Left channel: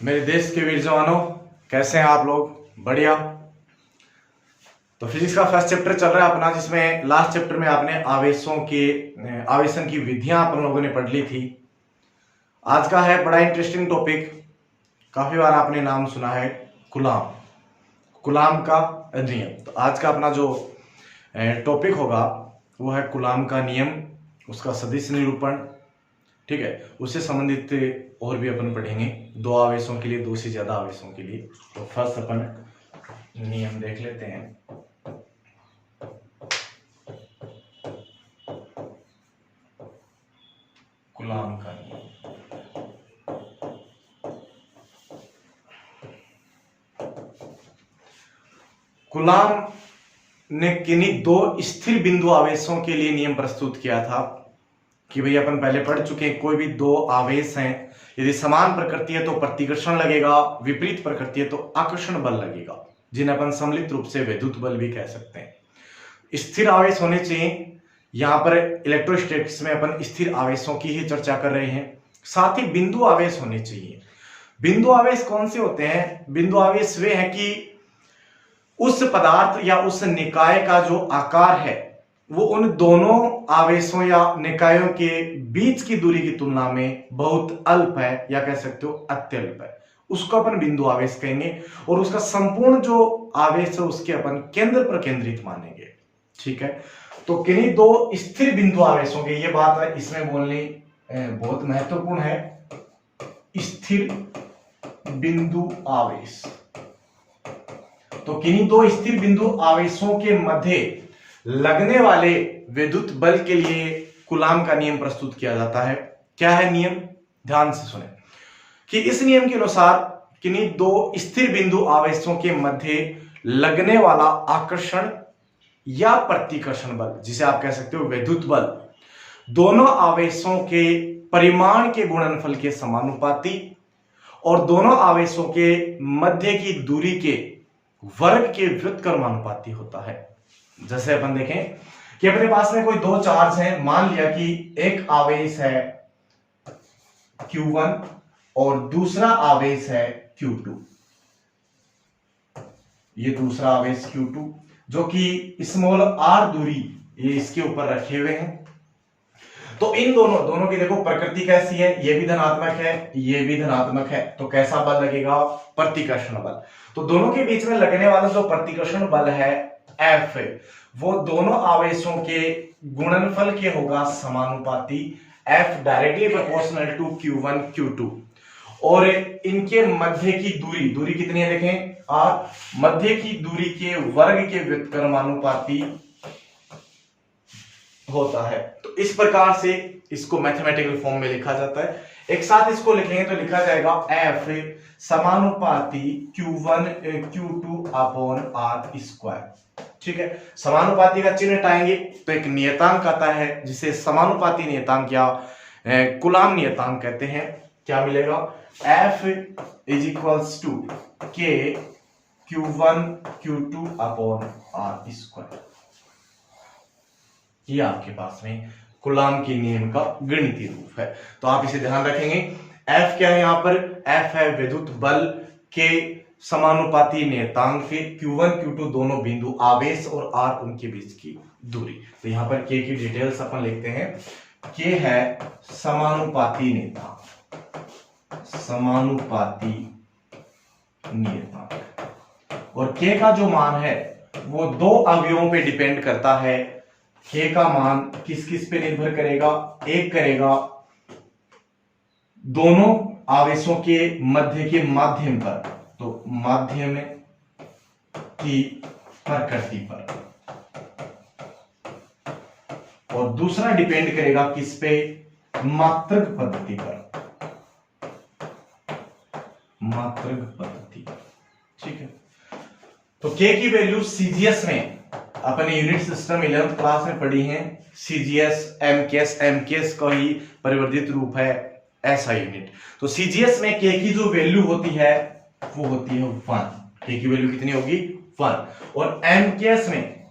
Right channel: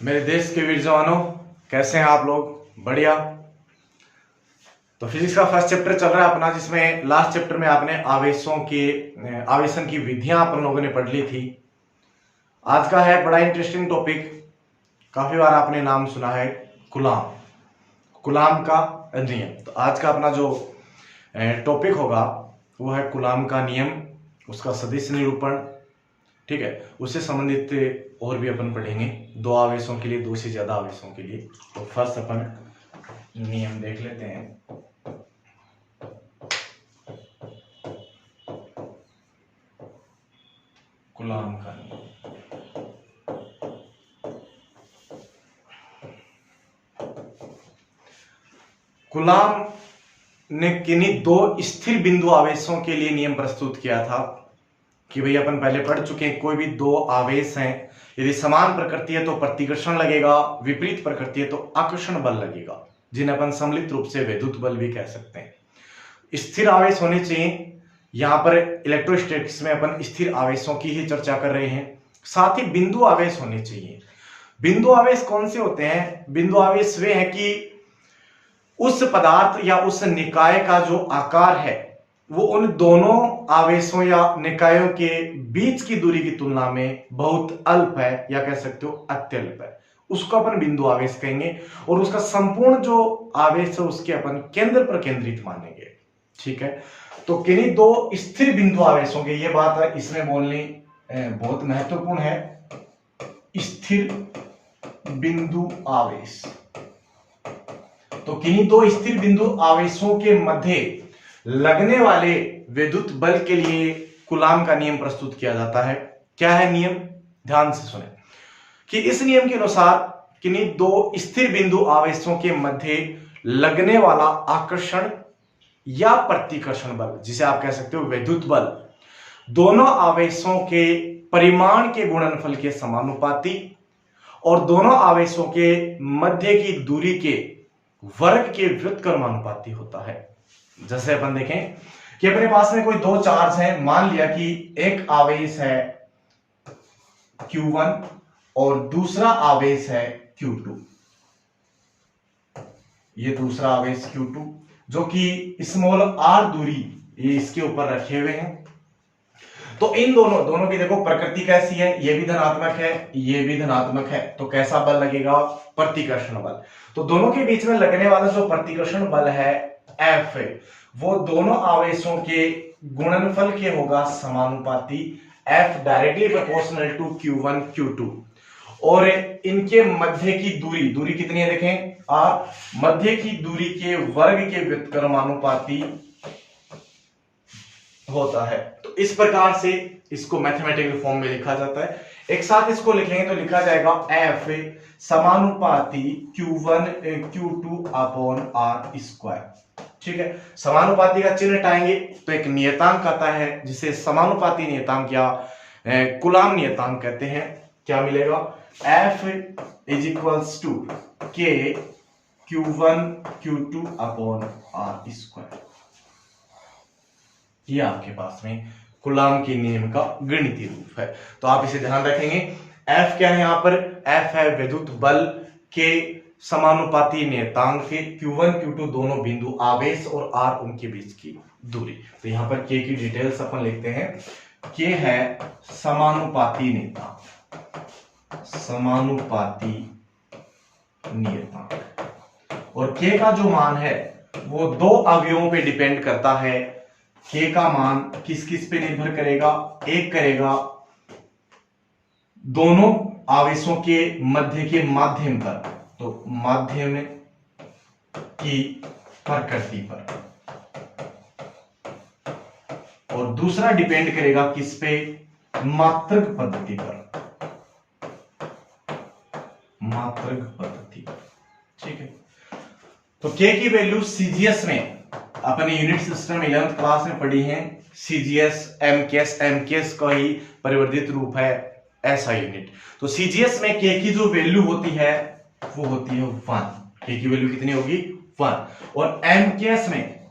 मेरे देश के वीर जवानों, कैसे हैं आप लोग? बढ़िया। तो फिजिक्स का फर्स्ट चैप्टर चल रहा है अपना, जिसमें लास्ट चैप्टर में आपने आवेशन की विधियां अपन लोगों ने पढ़ ली थी। आज का है बड़ा इंटरेस्टिंग टॉपिक। काफी बार आपने नाम सुना है, कुलाम का नियम। तो आज का अपना जो टॉपिक होगा वो है कुलाम का नियम, उसका सदिश निरूपण। ठीक है, उससे संबंधित और भी अपन पढ़ेंगे, दो आवेशों के लिए, दो से ज्यादा आवेशों के लिए। तो फर्स्ट अपन नियम देख लेते हैं। कुलाम का नियम। कुलाम ने किन्हीं दो स्थिर बिंदु आवेशों के लिए नियम प्रस्तुत किया था कि भाई अपन पहले पढ़ चुके हैं, कोई भी दो आवेश हैं, यदि समान प्रकृति है तो प्रतिकर्षण लगेगा, विपरीत प्रकृति है तो आकर्षण बल लगेगा, जिन्हें अपन सम्मिलित रूप से वैद्युत बल भी कह सकते हैं। स्थिर आवेश होने चाहिए। यहां पर इलेक्ट्रोस्टैटिक्स में अपन स्थिर आवेशों की ही चर्चा कर रहे हैं। साथ ही बिंदु आवेश होने चाहिए। बिंदु आवेश कौन से होते हैं? बिंदु आवेश वे हैं कि उस पदार्थ या उस निकाय का जो आकार है वो उन दोनों आवेशों या निकायों के बीच की दूरी की तुलना में बहुत अल्प है, या कह सकते हो अत्यल्प है। उसको अपन बिंदु आवेश कहेंगे, और उसका संपूर्ण जो आवेश है उसके अपन केंद्र पर केंद्रित मानेंगे। ठीक है, तो किन्हीं दो स्थिर बिंदु आवेशों के, ये बात इसमें बोलनी बहुत महत्वपूर्ण है। स्थिर बिंदु आवेश, तो किन्हीं दो स्थिर बिंदु आवेशों के मध्य लगने वाले विद्युत बल के लिए कुलाम का नियम प्रस्तुत किया जाता है। क्या है नियम? ध्यान से सुने कि इस नियम के अनुसार किन्हीं दो स्थिर बिंदु आवेशों के मध्य लगने वाला आकर्षण या प्रतिकर्षण बल, जिसे आप कह सकते हो विद्युत बल, दोनों आवेशों के परिमाण के गुणनफल के समानुपाती और दोनों आवेशों के मध्य की दूरी के वर्ग के व्युत्क्रमानुपाती होता है। जैसे अपन देखें कि अपने पास में कोई दो चार्ज हैं। मान लिया कि एक आवेश है Q1 और दूसरा आवेश है Q2। ये दूसरा आवेश Q2 जो कि स्मॉल r दूरी ये इसके ऊपर रखे हुए हैं। तो इन दोनों की देखो प्रकृति कैसी है, ये भी धनात्मक है, ये भी धनात्मक है, तो कैसा बल लगेगा? प्रतिकर्षण बल। तो दोनों के बीच में लगने वाला जो प्रतिकर्षण बल है F, वो दोनों आवेशों के गुणनफल के होगा समानुपाती, F directly proportional to Q1 Q2। और इनके मध्य की दूरी कितनी है देखें, R, मध्य की दूरी के वर्ग के व्युत्क्रमानुपाती होता है। तो इस प्रकार से इसको मैथमेटिकल फॉर्म में लिखा जाता है। एक साथ इसको लिखेंगे तो लिखा जाएगा F समानुपाती Q1 Q2 upon R square. ठीक है, समानुपाती का चिन्ह हटाएंगे तो एक नियतांक आता है, जिसे समानुपाती नियतांक या कुलाम नियतांक कहते हैं। क्या मिलेगा? F is equals to K Q1 Q2 upon R square. ये आपके पास में कुलाम के नियम का गणितीय रूप है। तो आप इसे ध्यान रखेंगे। F क्या है यहाँ पर? F है विद्युत बल के समानुपाती नियतांक के Q1 Q2 दोनों बिंदु आवेश और R उनके बीच की दूरी। तो यहाँ पर K की डिटेल्स अपन लिखते हैं। K है समानुपाती नियतांक, समानुपाती नियतांक, और K का जो मान है वो दो अवयवों पे डिपेंड करता है। K का मान किस किस पे निर्भर करेगा? एक करेगा दोनों आवेशों के मध्य के माध्यम पर, तो माध्यम की प्रकृति पर, और दूसरा डिपेंड करेगा किस पे? मात्रक पद्धति पर, मात्रक पद्धति। ठीक है, तो K की वैल्यू सीजीएस में अपने यूनिट सिस्टम 11th क्लास में पढ़ी है। सीजीएस एमकेएस का ही परिवर्तित रूप है ऐसा यूनिट। तो सीजीएस में K की जो वैल्यू होती है वो होती है 1। K की वैल्यू कितनी होगी? 1। और एमकेएस में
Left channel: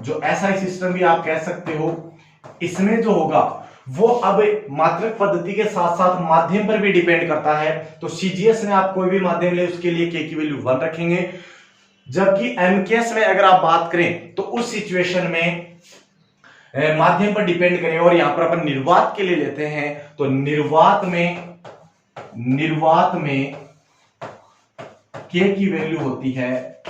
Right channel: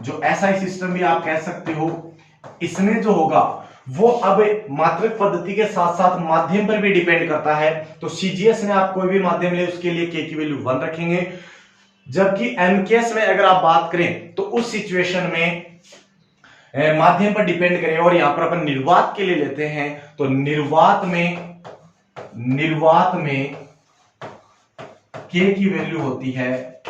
जो एसआई सिस्टम भी आप कह सकते हो, इसमें जो होगा वो अब मात्रक पद्धति के साथ साथ माध्यम पर भी डिपेंड करता है। तो सीजीएस में आप कोई भी माध्यम ले उसके लिए के की वैल्यू 1 रखेंगे, जबकि एमकेएस में अगर आप बात करें तो उस सिचुएशन में माध्यम पर डिपेंड करें। और यहां पर अपन निर्वात के लिए लेते हैं तो निर्वात में के की वैल्यू होती है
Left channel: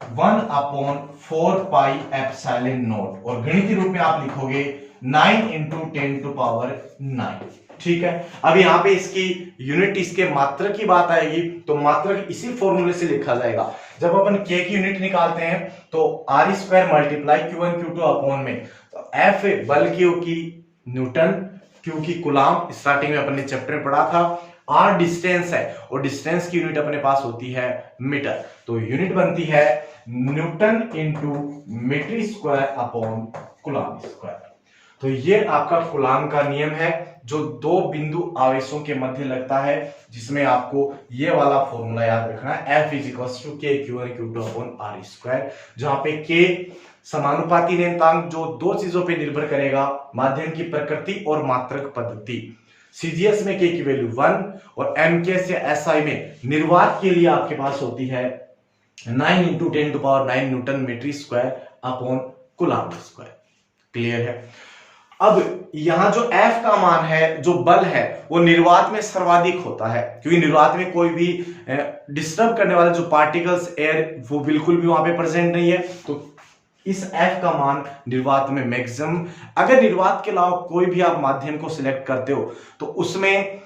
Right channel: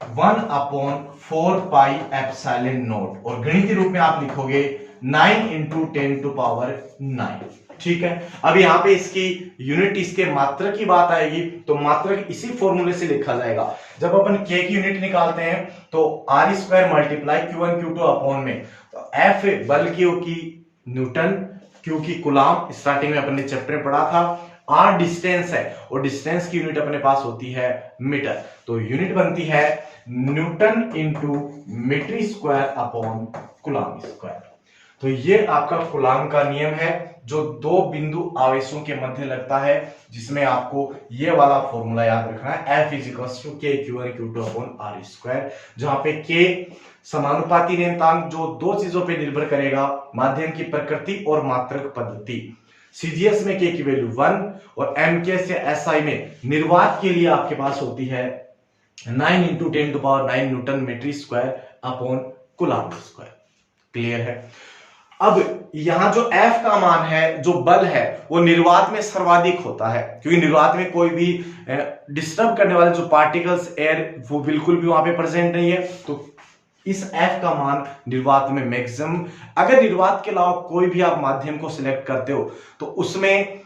1/4πε0 और गणितीय रूप में आप लिखोगे 9 × 10⁹। ठीक है, अब यहां पे इसकी यूनिट, इसके मात्रक की बात आएगी तो मात्रक इसी फॉर्मूले से लिखा जाएगा। जब अपन के की यूनिट निकालते हैं तो r² multiply Q1 Q2 upon में, तो F बल की न्यूटन, Q की कूलाम, स्टार्टिंग में अपन ने चैप्टर में पढ़ा था, r डिस्टेंस है और डिस्टेंस की यूनिट अपने पास होती है मीटर, तो यूनिट बनती है newton into metre square upon coulomb square. तो ये आपका कूलाम का नियम है जो दो बिंदु आवेशों के मध्य लगता है, जिसमें आपको ये वाला फॉर्मूला याद रखना है, F = K Q1 Q2 upon r², जहां पे K समानुपाती नियतांक जो दो चीजों पे निर्भर करेगा, माध्यम की प्रकृति और मात्रक पद्धति। सीजीएस में K की वैल्यू 1 और एमकेएस या एसआई में निर्वात के लिए आपके पास होती है 9 × 10⁹ newton metre square upon coulomb square. Clear है? अब यहां जो F का मान है, जो बल है, वो निर्वात में सर्वाधिक होता है, क्योंकि निर्वात में कोई भी डिस्टर्ब करने वाले जो पार्टिकल्स, एयर, वो बिल्कुल भी वहां पे प्रेजेंट नहीं है। तो इस F का मान निर्वात में मैक्सिमम। अगर निर्वात के अलावा कोई भी आप माध्यम को सिलेक्ट करते हो तो उसमें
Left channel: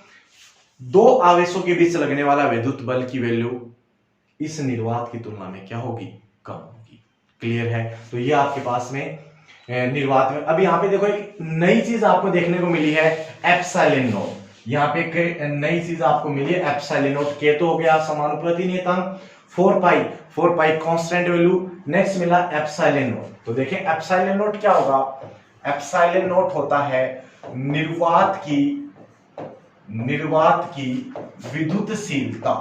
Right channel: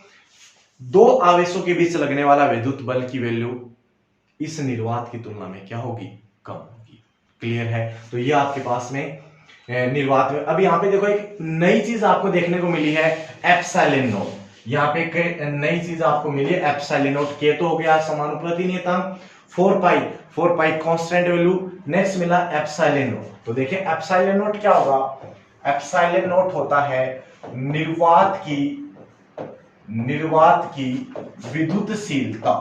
दो आवेशों के बीच लगने वाला विद्युत बल की वैल्यू इस निर्वात की तुलना में क्या होगी? कम होगी। क्लियर है? तो ये आपके पास में निर्वात में। अब यहाँ पे देखो एक नई चीज आपको देखने को मिली है, एप्सिलॉन नॉट। यहाँ पे एक नई चीज आपको मिली है, एप्सिलॉन नॉट। के तो हो गया समानुपाती नियतांक, 4π कांस्टेंट वैल्यू, नेक्स्ट मिला एप्सिलॉन नॉट। तो देखिए एप्सिलॉन नॉट क्या होगा? एप्सिलॉन नॉट होता है निर्वात की विद्युतशीलता।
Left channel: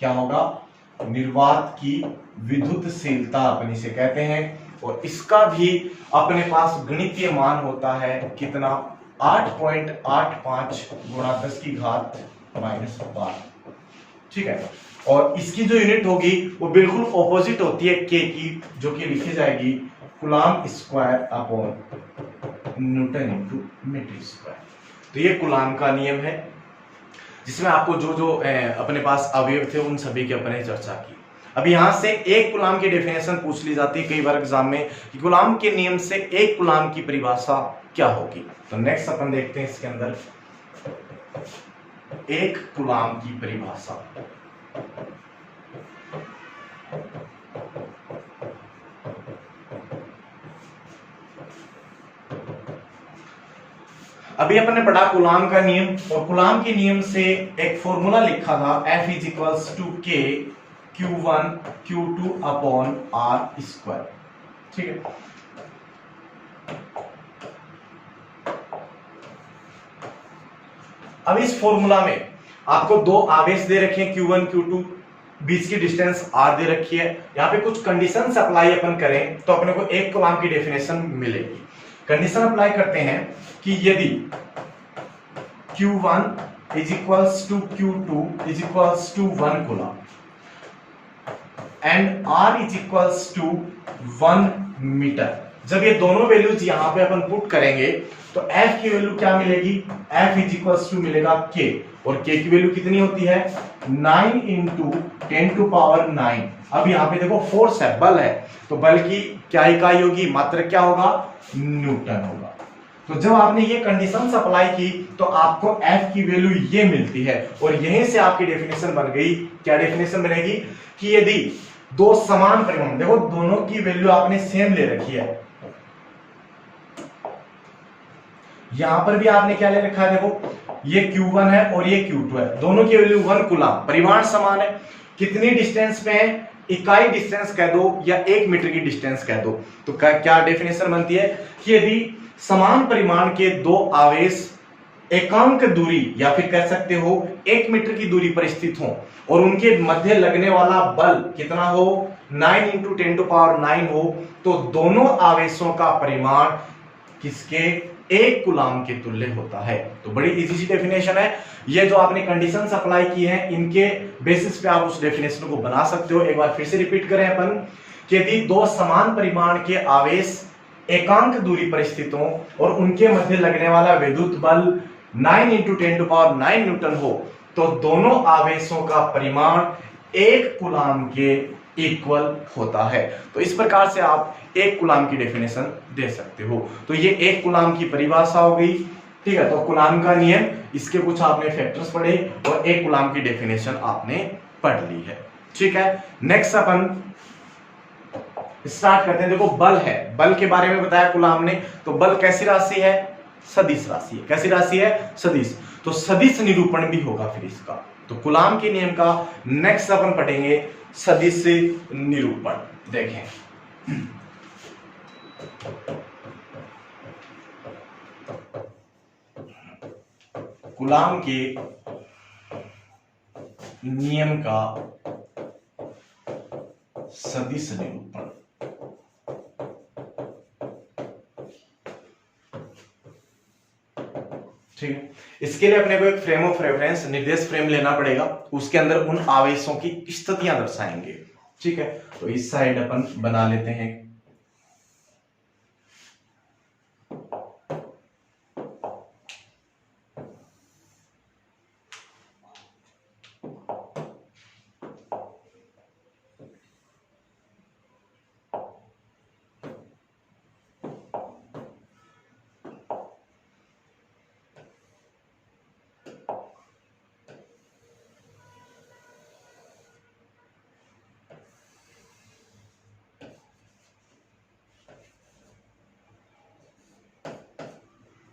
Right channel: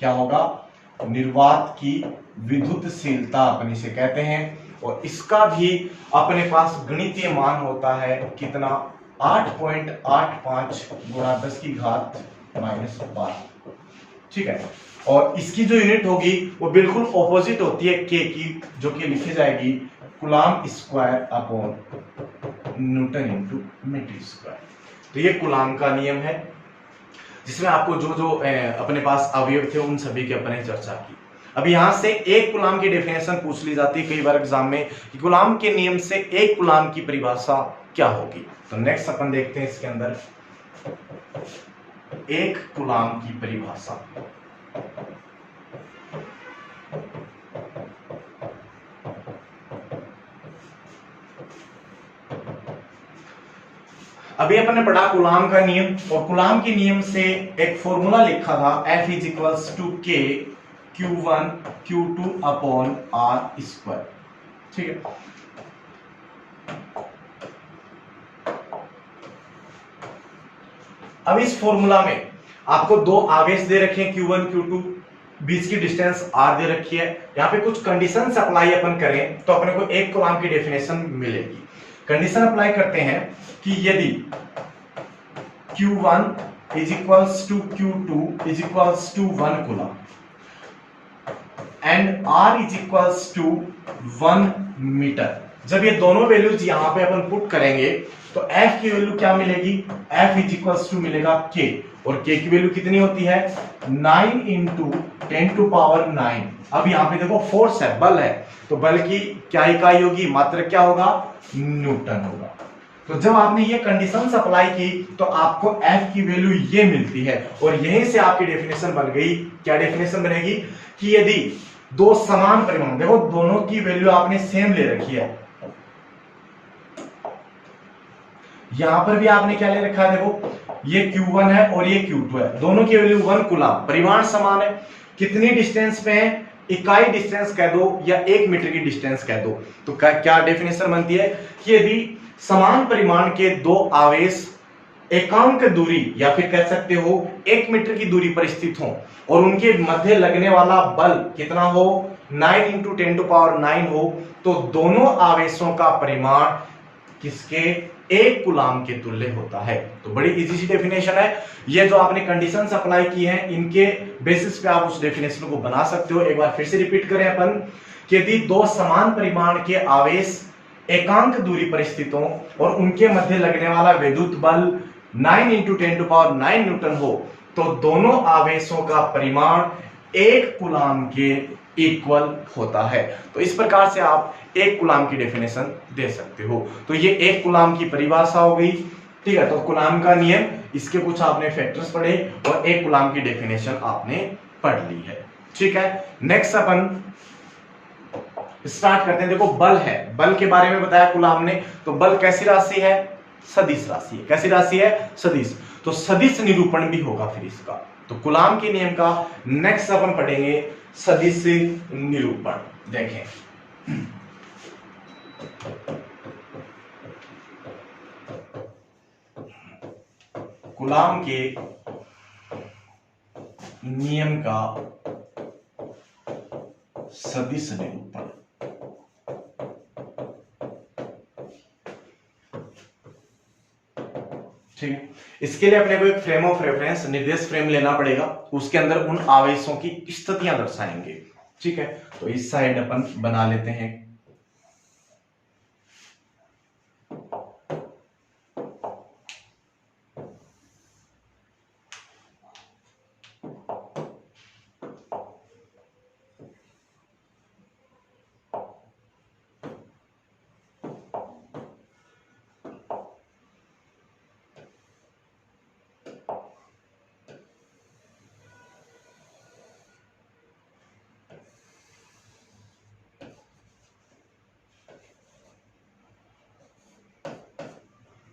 क्या होगा? निर्वात की विद्युतशीलता अपन इसे कहते हैं, और इसका भी अपने पास गणितीय मान होता है कितना? 8.85 × 10⁻⁻12। ठीक है, और इसकी जो यूनिट होगी वो बिल्कुल ऑपोजिट होती है के की, जो कि लिखी जाएगी coulomb square upon newton into metre square. तो ये कूलाम का नियम है, जिसमें आपको जो अपने पास अवयव थे उन सभी की अपने चर्चा की। अब यहां से एक कूलाम की डेफिनेशन पूछ ली जाती है कई बार एग्जाम में कि कूलाम के नियम से एक कूलाम की परिभाषा क्या होगी। तो नेक्स्ट अपन देखते हैं इसके अंदर एक कूलाम की परिभाषा। अभी अपन ने पढ़ा कूलाम का नियम, और कूलाम के नियम से एक फॉर्मूला लिखा था, F = K Q1 Q2 upon r²। ठीक है, अब इस फॉर्मूला में आपको दो आवेश दे रखे हैं Q1 Q2, बीच की डिस्टेंस r दे रखी है। यहाँ पे कुछ कंडीशन अप्लाई अपन करें तो अपने को एक कूलाम की डेफिनेशन मिलेगी। कंडीशन अप्लाई करते हैं कि यदि Q1 = Q2 = 1 coulomb and r = 1 metre, जब ये दोनों वैल्यूज यहां पे अपन पुट करेंगे तो F की वैल्यू क्या मिलेगी? F = मिलेगा K, और K की वैल्यू कितनी होती है? 9 × 10⁹। अब यहां पे देखो फोर्स है, बल है, तो बल की क्या इकाई होगी? मात्रक क्या होगा? न्यूटन होगा। तो जब आपने ये कंडीशंस अप्लाई की तो आपको F की वैल्यू ये मिलती है, और यहीं से आपकी डेफिनेशन बन गई। क्या डेफिनेशन बनेगी? कि यदि दो समान परिमाण, देखो दोनों की वैल्यू आपने सेम ले रखी है, यहां पर भी आपने क्या ले रखा है? देखो ये Q1 है और ये Q2 है, दोनों की वैल्यू 1 कूलाम, परिमाण समान है। कितनी डिस्टेंस पे है? इकाई डिस्टेंस कह दो या 1 मीटर की डिस्टेंस कह दो। तो क्या डेफिनेशन बनती है कि यदि समान परिमाण के दो आवेश एकांक दूरी या फिर कह सकते हो 1 मीटर की दूरी पर स्थित हो और उनके मध्य लगने वाला बल कितना हो? 9 × 10⁹ हो, तो दोनों आवेशों का परिमाण किसके 1 कूलाम के तुल्य होता है। तो बड़ी इजी सी डेफिनेशन है। ये जो आपने कंडीशंस अप्लाई की हैं, इनके बेसिस पे आप उस डेफिनेशन को बना सकते हो। एक बार फिर से रिपीट करें अपन कि यदि 2 समान परिमाण के आवेश एकांक दूरी पर स्थित हो और उनके मध्य लगने वाला विद्युत बल 9 × 10⁹ न्यूटन हो, तो दोनों आवेशों का परिमाण 1 कूलाम के इक्वल होता है। तो इस प्रकार से आप 1 कूलाम की डेफिनेशन दे सकते हो। तो ये 1 कूलाम की परिभाषा हो गई, ठीक है। तो कूलाम का नियम, इसके कुछ आपने फैक्टर्स पढ़े और 1 कूलाम की डेफिनेशन आपने पढ़ ली है, ठीक है। नेक्स्ट अपन स्टार्ट करते हैं। देखो बल है, बल के बारे में बताया कूलाम ने। तो बल कैसी राशि है? सदिश राशि है। कैसी राशि है? सदिश। तो सदिश निरूपण भी होगा फिर इसका। तो कूलाम के नियम का नेक्स्ट अपन पढ़ेंगे सदिश निरूपण। देखें कूलाम के नियम का सदिश निरूपण। ठीक है। इसके लिए अपने को एक फ्रेम ऑफ रेफरेंस, निर्देश फ्रेम लेना पड़ेगा। उसके अंदर उन आवेशों की स्थितियां दर्शाएंगे, ठीक है। तो इस साइड अपन बना लेते हैं।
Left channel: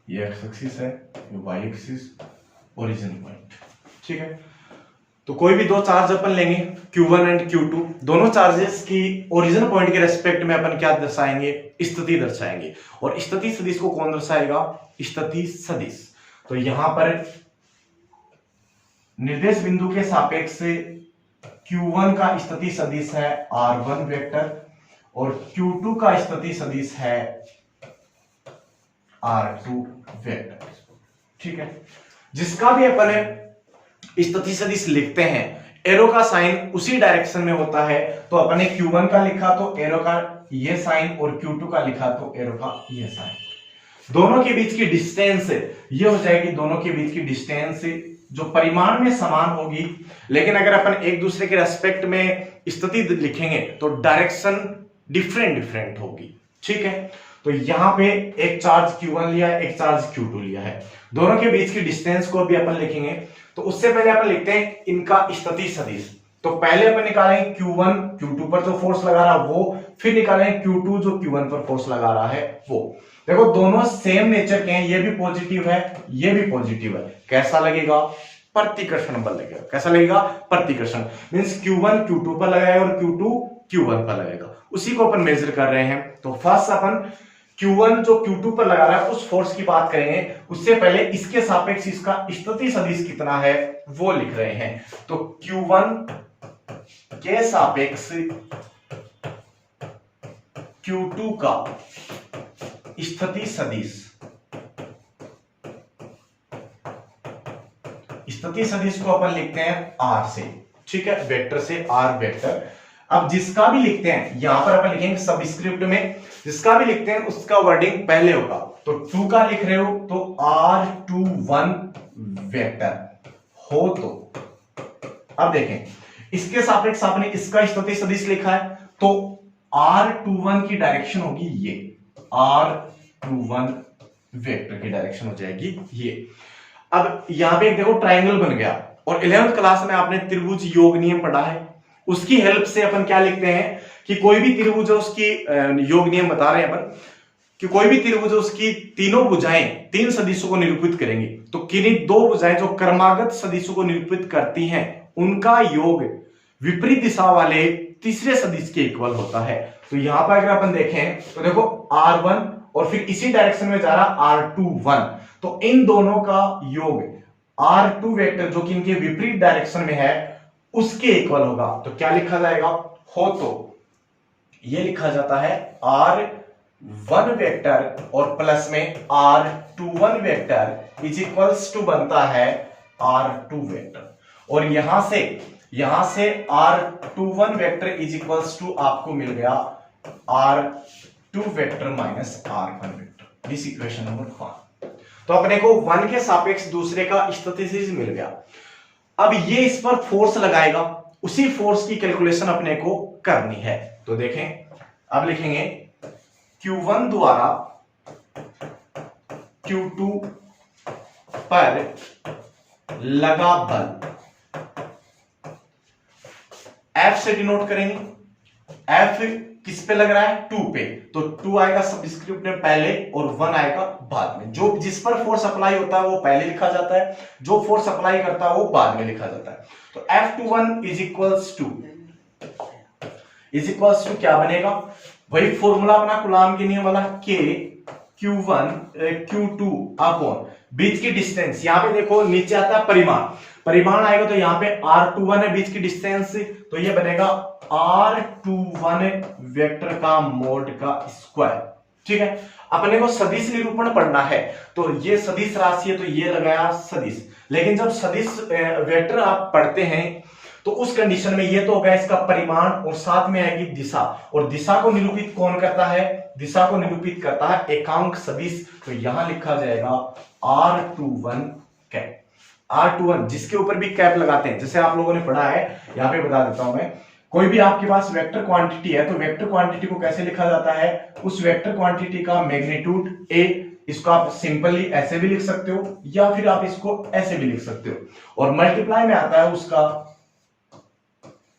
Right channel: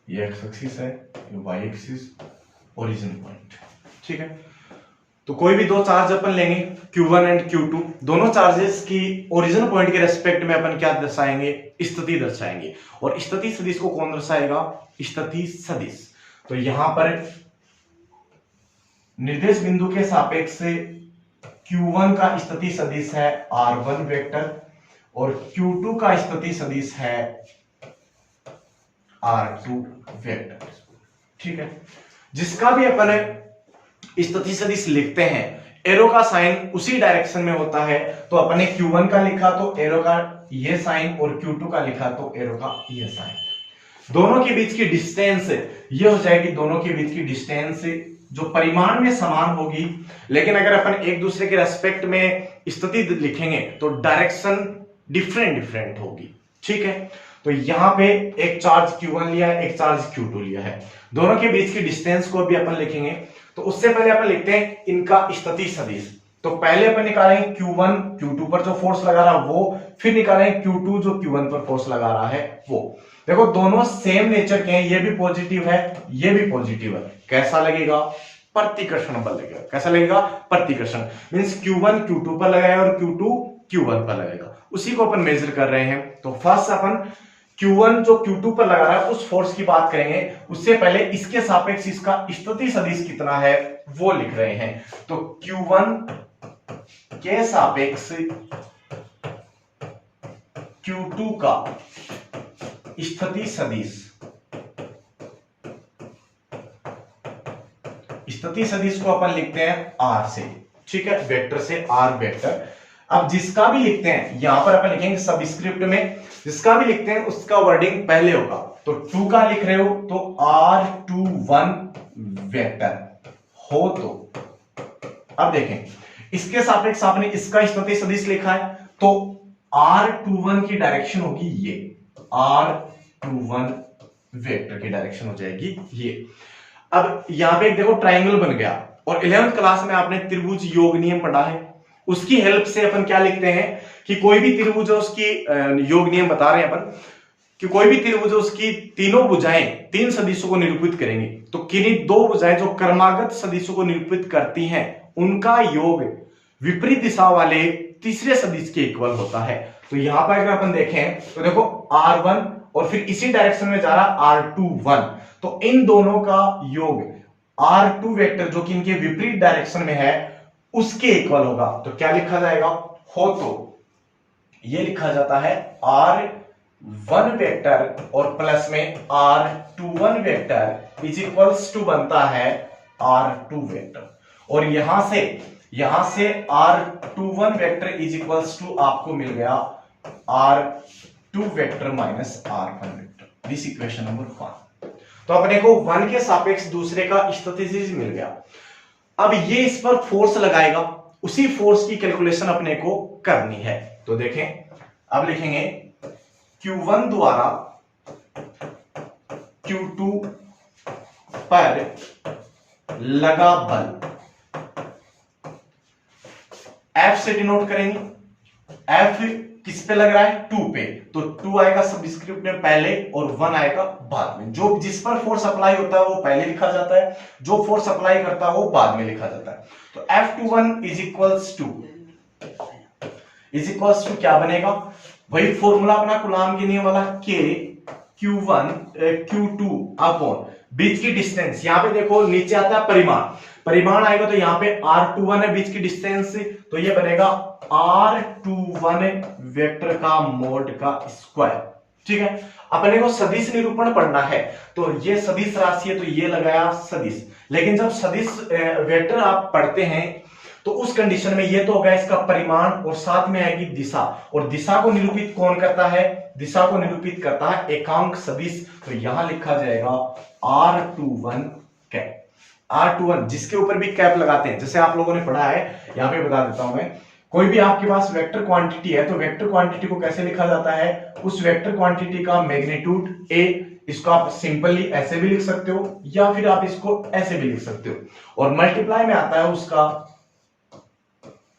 ये एक्स एक्सिस है, ये वाई एक्सिस, ओरिजिन पॉइंट, ठीक है। तो कोई भी 2 चार्ज अपन लेंगे, Q1 एंड Q2। दोनों चार्जेस की ओरिजिन पॉइंट के रेस्पेक्ट में अपन क्या दर्शाएंगे? स्थिति दर्शाएंगे। और स्थिति सदिश को कौन दर्शाएगा? स्थिति सदिश। तो यहां पर निर्देश बिंदु के सापेक्ष Q1 का स्थिति सदिश है R1 वेक्टर और Q2 का स्थिति सदिश है R2 वेक्टर, ठीक है। जिसका भी अपन स्थिति सदिश लिखते हैं, एरो का साइन उसी डायरेक्शन में होता है। तो अपने Q1 का लिखा तो एरो का ये साइन और Q2 का लिखा तो एरो का ये साइन। दोनों के बीच की डिस्टेंस ये हो जाएगी, दोनों के बीच की डिस्टेंस जो परिमाण में समान होगी, लेकिन अगर अपन एक दूसरे के रेस्पेक्ट में स्थिति लिखेंगे तो डायरेक्शन डिफरेंट होगी, ठीक है। तो यहां पे एक चार्ज Q1 लिया है, एक चार्ज Q2 लिया है। दोनों के बीच की डिस्टेंस को भी अपन लिखेंगे। तो उससे पहले अपन लिखते हैं इनका स्थिति सदिश। तो पहले अपन निकालेंगे Q1 Q2 पर जो फोर्स लगा रहा है वो, फिर निकालेंगे Q2 जो Q1 पर फोर्स लगा रहा है वो। देखो दोनों सेम नेचर के हैं, ये भी पॉजिटिव है, ये भी पॉजिटिव है। कैसा लगेगा? प्रतिकर्षण बल लगेगा। कैसा लगेगा? प्रतिकर्षण। मींस Q1 Q2 पर लगाएगा और Q2 Q1 पर लगेगा। उसी को अपन मेजर कर रहे हैं। तो फर्स्ट अपन Q1 जो Q2 पर लगा रहा है उस फोर्स की बात करेंगे। उससे पहले इसके सापेक्ष इसका स्थिति सदिश कितना है वो लिख रहे हैं। तो Q1 के सापेक्ष Q2 का स्थिति सदिश, स्थिति सदिश को अपन लिखते हैं R से, ठीक है, वेक्टर से R वेक्टर। अब जिसका भी लिखते हैं यहां पर अपन लिखेंगे सबस्क्रिप्ट में, जिसका भी लिखते हैं उसका वर्डिंग पहले होगा। तो 2 का लिख रहे हो तो R21 वेक्टर हो। तो अब देखें इसके सापेक्ष आपने इसका स्थिति सदिश लिखा है तो R21 की डायरेक्शन होगी ये, R21 वेक्टर की डायरेक्शन हो जाएगी ये। अब यहां पे देखो ट्राइंगल बन गया और 11th क्लास में आपने त्रिभुज योग नियम पढ़ा है। उसकी हेल्प से अपन क्या लिखते हैं कि कोई भी त्रिभुज है उसकी योग नियम बता रहे हैं अपन कि कोई भी त्रिभुज है उसकी तीनों भुजाएं 3 सदिशों को निरूपित करेंगी। तो किन्हीं 2 भुजाएं जो क्रमागत सदिशों को निरूपित करती हैं उनका योग विपरीत दिशा वाले तीसरे सदिश के इक्वल होता है। तो यहां पर अगर अपन देखें तो देखो R1 और फिर इसी डायरेक्शन में जा रहा R21, तो इन दोनों का योग R2 वेक्टर जो कि इनके विपरीत डायरेक्शन में है उसके इक्वल होगा। तो क्या लिखा जाएगा? हो तो ये लिखा जाता है वन वेक्टर और प्लस में R21 vector is equals to बनता है R2 वेक्टर, और यहां से R21 vector is equals to आपको मिल गया R2 vector minus R1 vector. This equation number 1। तो अपने को वन के सापेक्ष दूसरे का स्थितिज मिल गया। अब ये इस पर फोर्स लगाएगा, उसी फोर्स की कैलकुलेशन अपने को करनी है। तो देखें, अब लिखेंगे Q1 द्वारा Q2 पर लगा बल, F से डिनोट करेंगे। F किस पे लग रहा है? 2 पे, तो 2 आएगा सबस्क्रिप्ट में पहले और 1 आएगा बाद में। जो जिस पर फोर्स अप्लाई होता है वो पहले लिखा जाता है, जो फोर्स अप्लाई करता है वो बाद में लिखा जाता है। तो F21 इज इक्वल्स टू क्या बनेगा? वही फॉर्मूला अपना कूलाम के नियम वाला, K Q1 Q2 अपॉन बीच की डिस्टेंस। यहां पे देखो नीचे आता है परिमाण आएगा, तो यहां पे R21 है बीच की डिस्टेंस, तो ये बनेगा R21 वेक्टर का मोड का स्क्वायर। ठीक है, अपने को सदिश निरूपण पढ़ना है, तो ये सदिश राशि है तो ये लगाया सदिश। लेकिन जब सदिश वेक्टर आप पढ़ते हैं तो उस कंडीशन में ये तो होगा इसका परिमाण और साथ में आएगी दिशा, और दिशा को निरूपित कौन करता है? दिशा को निरूपित करता है एकांक सदिश। तो यहां लिखा जाएगा R21 कैप। R21 जिसके ऊपर भी कैप लगाते हैं, जैसे आप लोगों ने पढ़ा है, यहां पे बता देता हूं मैं। कोई भी आपके पास वेक्टर क्वांटिटी है तो वेक्टर क्वांटिटी को कैसे लिखा जाता है? उस वेक्टर क्वांटिटी का मैग्नीट्यूड A, इसको आप सिंपली ऐसे भी लिख सकते हो या फिर आप इसको ऐसे भी लिख सकते हो, और मल्टीप्लाई में आता है उसका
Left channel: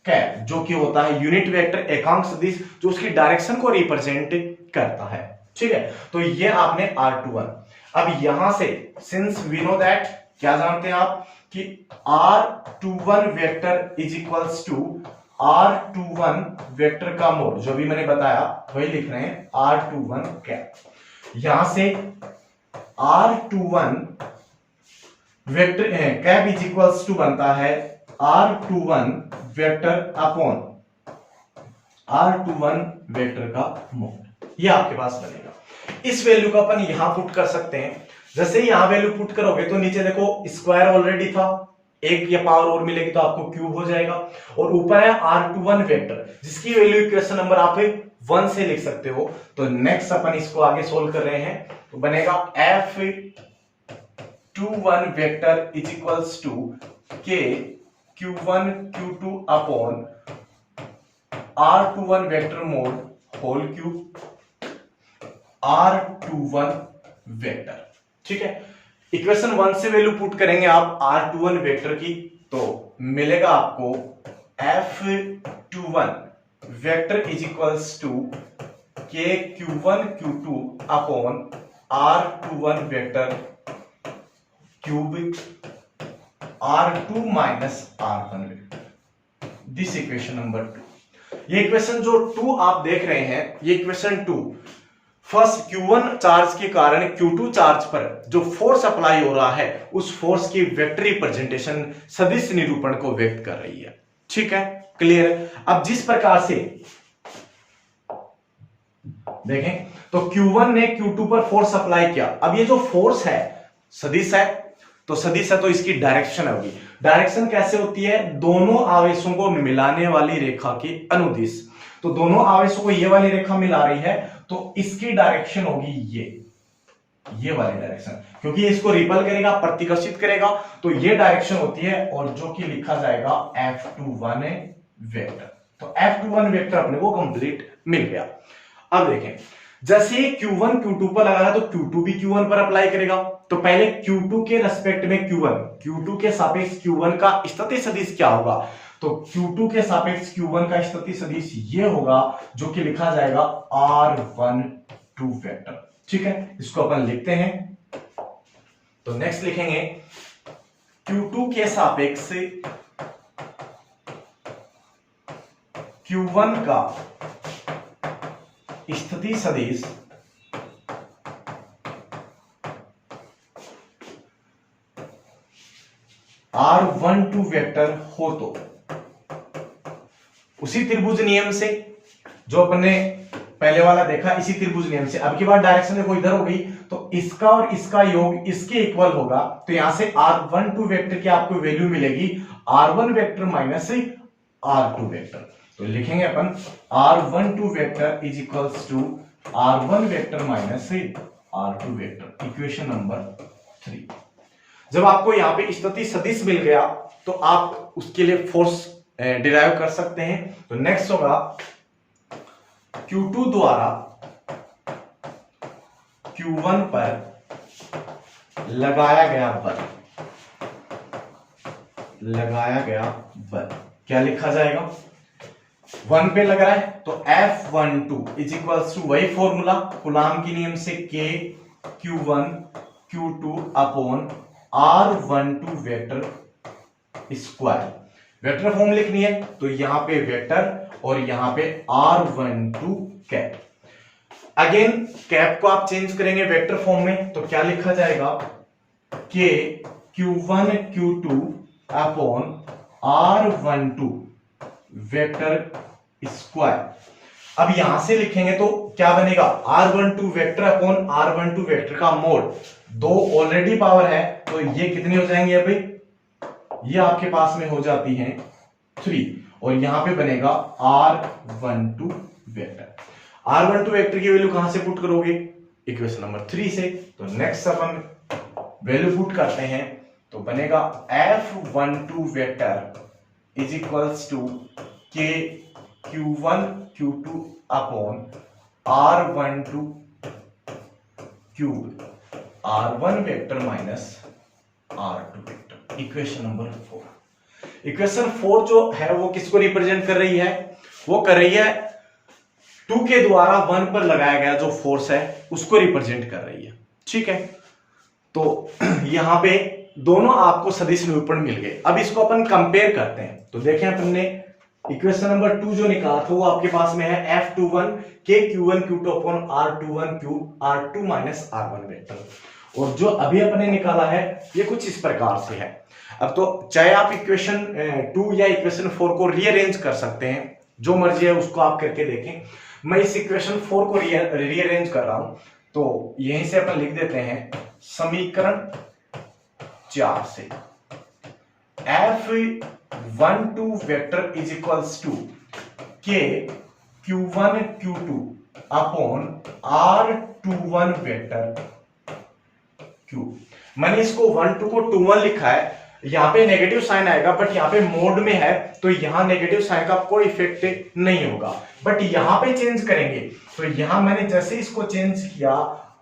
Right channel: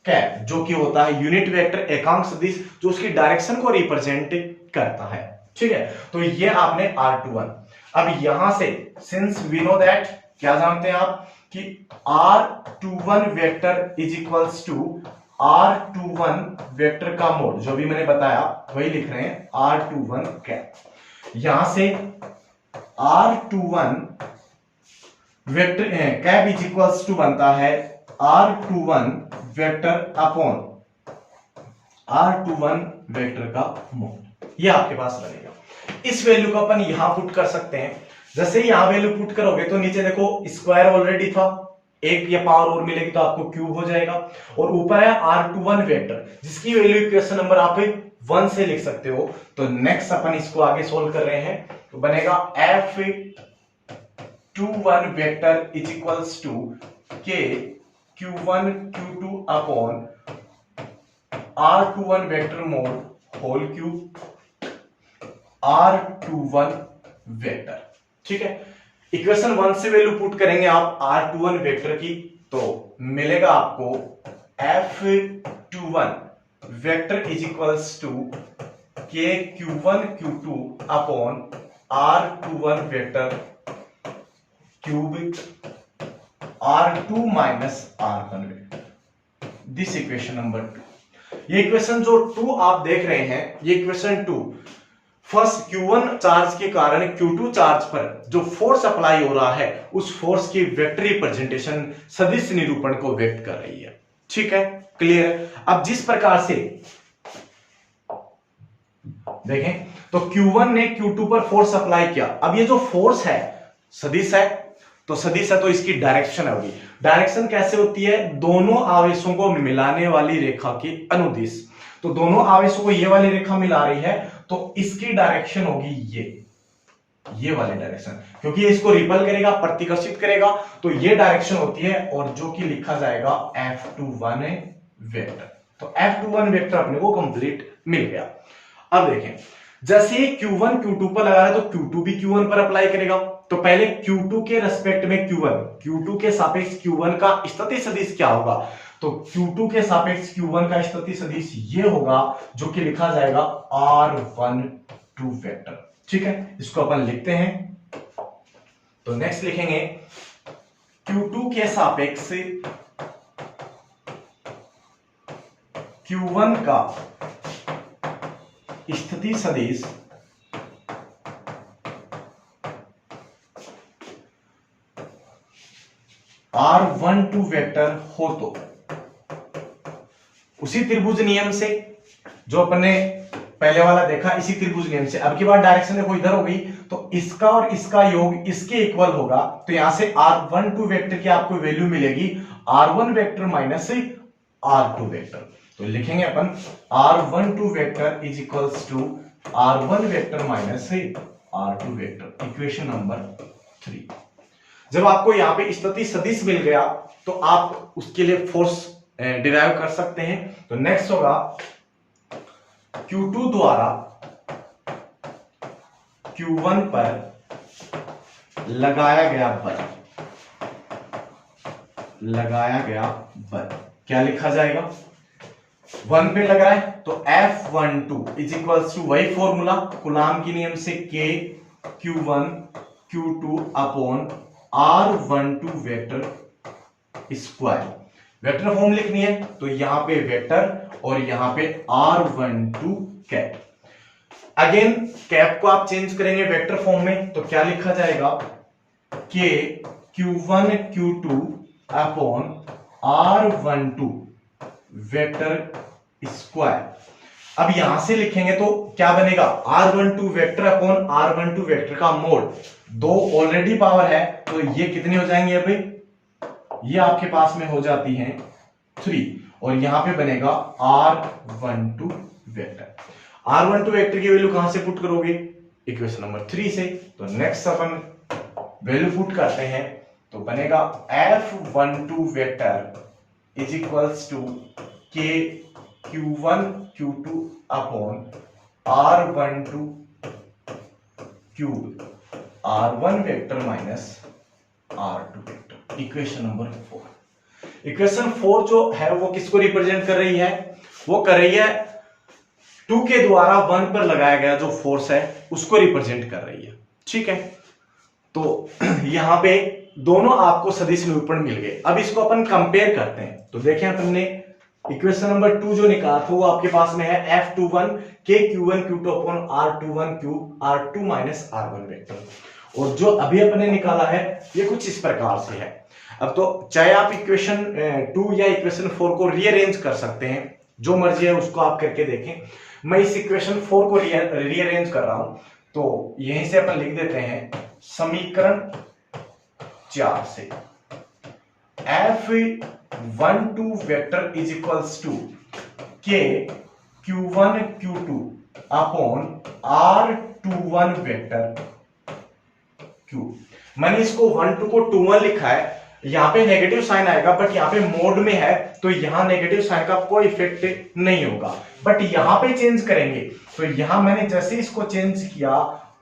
कैप, जो कि होता है यूनिट वेक्टर एकांक सदिश, जो उसकी डायरेक्शन को रिप्रेजेंट करता है। ठीक है, तो ये आपने R21। अब यहां से सिंस वी नो दैट, क्या जानते हैं आप कि R21 vector is equals to R21 vector का मोड, जो भी मैंने बताया वही लिख रहे हैं, R21 कैप। यहां से R21 vector cap is equals to बनता है R21 vector upon R21 vector का मोड। ये आपके पास बनेगा। इस वैल्यू को अपन यहां पुट कर सकते हैं। जैसे ही यहां वैल्यू पुट करोगे तो नीचे देखो स्क्वायर ऑलरेडी था, एक या पावर और मिलेगी तो आपको क्यूब हो जाएगा, और ऊपर है R21 वेक्टर जिसकी वैल्यू इक्वेशन नंबर आप 1 से लिख सकते हो। तो नेक्स्ट अपन इसको आगे सोल्व कर रहे हैं, तो बनेगा F21 vector is equals to K Q1 Q2 upon R21 vector mod whole cube R21 vector. ठीक है, इक्वेशन 1 से वैल्यू पुट करेंगे आप R21 वेक्टर की, तो मिलेगा आपको F21 vector is equals to K Q1 Q2 upon R21 vector cube R2 minus R1 vector. This equation number 2। ये इक्वेशन जो 2 आप देख रहे हैं, ये इक्वेशन 2 फर्स्ट Q1 चार्ज के कारण Q2 चार्ज पर जो फोर्स अप्लाई हो रहा है उस फोर्स की वेक्टर रिप्रेजेंटेशन सदिश निरूपण को व्यक्त कर रही है। ठीक है, क्लियर? अब जिस प्रकार से देखें तो Q1 ने Q2 पर फोर्स अप्लाई किया, अब ये जो फोर्स है सदिश है, तो सदिश है तो इसकी डायरेक्शन होगी। डायरेक्शन कैसे होती है? दोनों आवेशों को मिलाने वाली रेखा की अनुदिश। तो दोनों आवेशों को ये वाली रेखा मिला रही है तो इसकी डायरेक्शन होगी ये वाली डायरेक्शन, क्योंकि ये इसको रिपल करेगा, प्रतिकर्षित करेगा, तो ये डायरेक्शन होती है, और जो कि लिखा जाएगा F21 वेक्टर। तो F21 वेक्टर अपने को कंप्लीट मिल गया। अब देखें, जैसे Q1 Q2 पर लगा है तो Q2 भी Q1 पर अप्लाई करेगा। तो पहले Q2 के रेस्पेक्ट में Q2 के सापेक्ष Q1 का स्थिति सदिश क्या होगा? तो Q2 के सापेक्ष Q1 का स्थिति सदिश ये होगा, जो कि लिखा जाएगा R12 वेक्टर। ठीक है, इसको अपन लिखते हैं। तो नेक्स्ट लिखेंगे Q2 के सापेक्ष Q1 का स्थिति सदिश R12 वेक्टर हो तो उसी त्रिभुज नियम से जो अपने पहले वाला देखा इसी त्रिभुज नियम से। अब की बार डायरेक्शन देखो इधर हो गई, तो इसका और इसका योग इसके इक्वल होगा, तो यहां से r12 वेक्टर की आपको वैल्यू मिलेगी r1 vector minus r2 vector. तो लिखेंगे अपन r12 vector is equals to r1 vector minus r2 vector, equation number 3। जब आपको यहां पे स्थिति सदिश मिल गया तो आप उसके लिए फोर्स डिराइव कर सकते हैं। तो नेक्स्ट होगा Q2 द्वारा Q1 पर लगाया गया बल, क्या लिखा जाएगा, 1 पे लग रहा है तो F12 इज इक्वल्स टू वही फॉर्मूला कूलाम के नियम से K Q1 Q2 upon R12 vector square. Vector form लिखनी है तो यहां पे वेक्टर और यहां पे R12 कैप। अगेन कैप को आप चेंज करेंगे वेक्टर फॉर्म में तो क्या लिखा जाएगा, K Q1 Q2 upon R12 vector square. अब यहां से लिखेंगे तो क्या बनेगा, R12 vector upon R12 vector का मोड, दो ऑलरेडी पावर है तो ये कितनी हो जाएंगे, अभी ये आपके पास में हो जाती हैं 3 और यहां पे बनेगा R12 वेक्टर। R12 वेक्टर की वैल्यू कहां से पुट करोगे, इक्वेशन नंबर 3 से। तो नेक्स्ट अपन वैल्यू पुट करते हैं तो बनेगा F12 vector is equals to K Q1 Q2 upon R12 Q R1 vector minus R2 vector, equation number 4। Equation 4 जो है वो किसको रिप्रेजेंट कर रही है, वो कर रही है 2 के द्वारा 1 पर लगाया गया जो फोर्स है उसको रिप्रेजेंट कर रही है, ठीक है। तो यहां पे दोनों आपको सदिश निरूपण मिल गए। अब इसको अपन कंपेयर करते हैं तो देखें अपन ने इक्वेशन नंबर 2 जो निकाला था वो आपके पास में है F21 K Q1 Q2 upon R21 Q R2 minus R1 vector, और जो अभी अपने निकाला है ये कुछ इस प्रकार से है। अब तो चाहे आप इक्वेशन 2 या इक्वेशन 4 को रीअरेंज कर सकते हैं, जो मर्जी है उसको आप करके देखें। मैं इस इक्वेशन 4 को रीअरेंज कर रहा हूं तो यहीं से अपन लिख देते हैं समीकरण 4 से F12 vector is equals to K Q1 Q2 upon R21 vector Q। मैंने इसको 1 2 को 2 1 लिखा है, यहां पे नेगेटिव साइन आएगा बट यहां पे मोड में है तो यहां नेगेटिव साइन का कोई इफेक्ट नहीं होगा, बट यहां पे चेंज करेंगे तो यहां मैंने जैसे इसको चेंज किया